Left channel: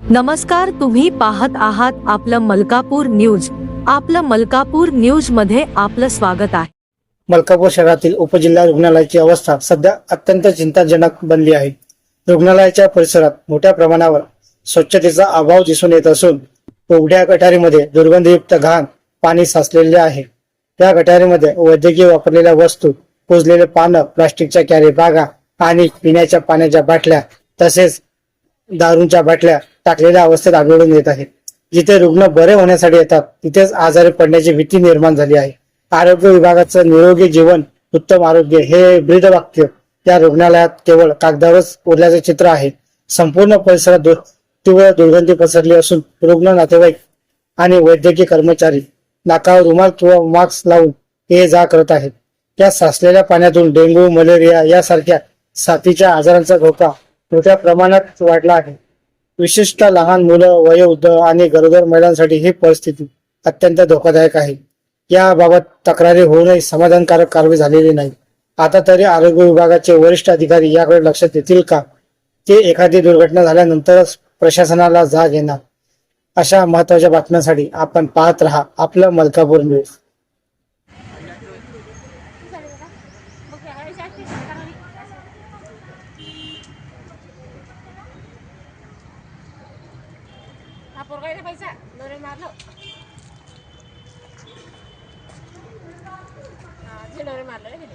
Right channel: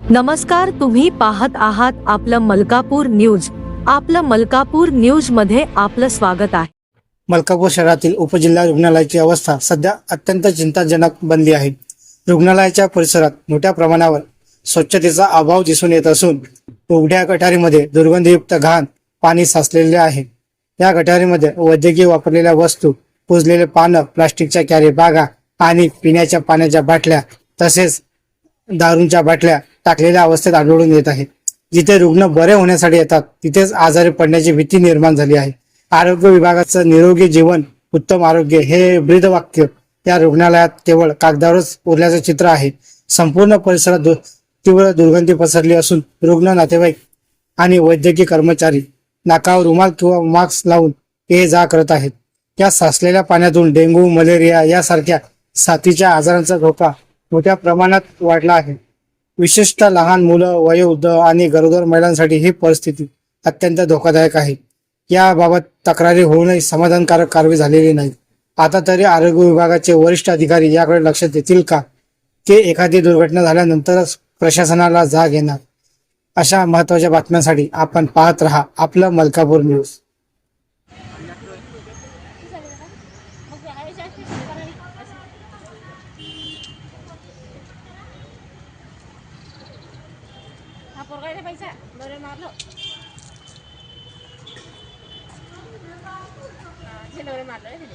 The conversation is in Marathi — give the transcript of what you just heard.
नमस्कार तुम्ही पाहत आहात आपलं मलकापूर न्यूज. आपलं मलकापूर न्यूजमध्ये आपलं स्वागत आहे. मलकापूर शहरातील उपजिल्हा रुग्णालयाची अवस्था सध्या अत्यंत चिंताजनक बनली आहे. रुग्णालयाच्या परिसरात मोठ्या प्रमाणावर स्वच्छतेचा अभाव दिसून येत असून उघड्या गटारीमध्ये दुर्गंधयुक्त घाण पाणी साचलेले आहे. या गटारीमध्ये वैद्यकीय वापरलेल्या वस्तू कुजलेले पानं प्लास्टिकच्या कॅरी बागा आणि पिण्याच्या पाण्याच्या बाटल्या तसेच दारूंच्या बाटल्या टाकलेल्या अवस्थेत आढळून येत आहे. जिथे रुग्ण बरे होण्यासाठी येतात तिथेच आजारी पडण्याची भीती निर्माण झाली आहे. आरोग्य विभागाचं निरोगी जीवन उत्तम आरोग्य हे ब्रीदवाक्य या रुग्णालयात केवळ कागदावरच उरल्याचं चित्र आहे. संपूर्ण परिसरात दु- तीव्र दुर्गंधी पसरली असून रुग्ण नातेवाईक आणि वैद्यकीय कर्मचारी नाकावर रुमाल किंवा मास्क लावून ये जा करत आहेत. या साचलेल्या पाण्यातून डेंग्यू मलेरिया यासारख्या साथीच्या आजारांचा धोका मोठ्या प्रमाणात वाढला आहे. विशेषतः लहान मुलं वयोवृद्ध आणि गरोदर महिलांसाठी ही परिस्थिती अत्यंत धोकादायक आहे. याबाबत तक्रारी होऊनही समाधानकारक कारवाई झालेली नाही. आता तरी आरोग्य विभागाचे वरिष्ठ अधिकारी याकडे लक्ष देतील का? ते एखादी दुर्घटना झाल्यानंतरच प्रशासनाला जाग येणार. अशा महत्त्वाच्या बातम्यांसाठी आपण पाहत रहा आपलं Malkapur news. dapur kayaknya Pak Isa Baru Marlo. Ini Baru Marlo ini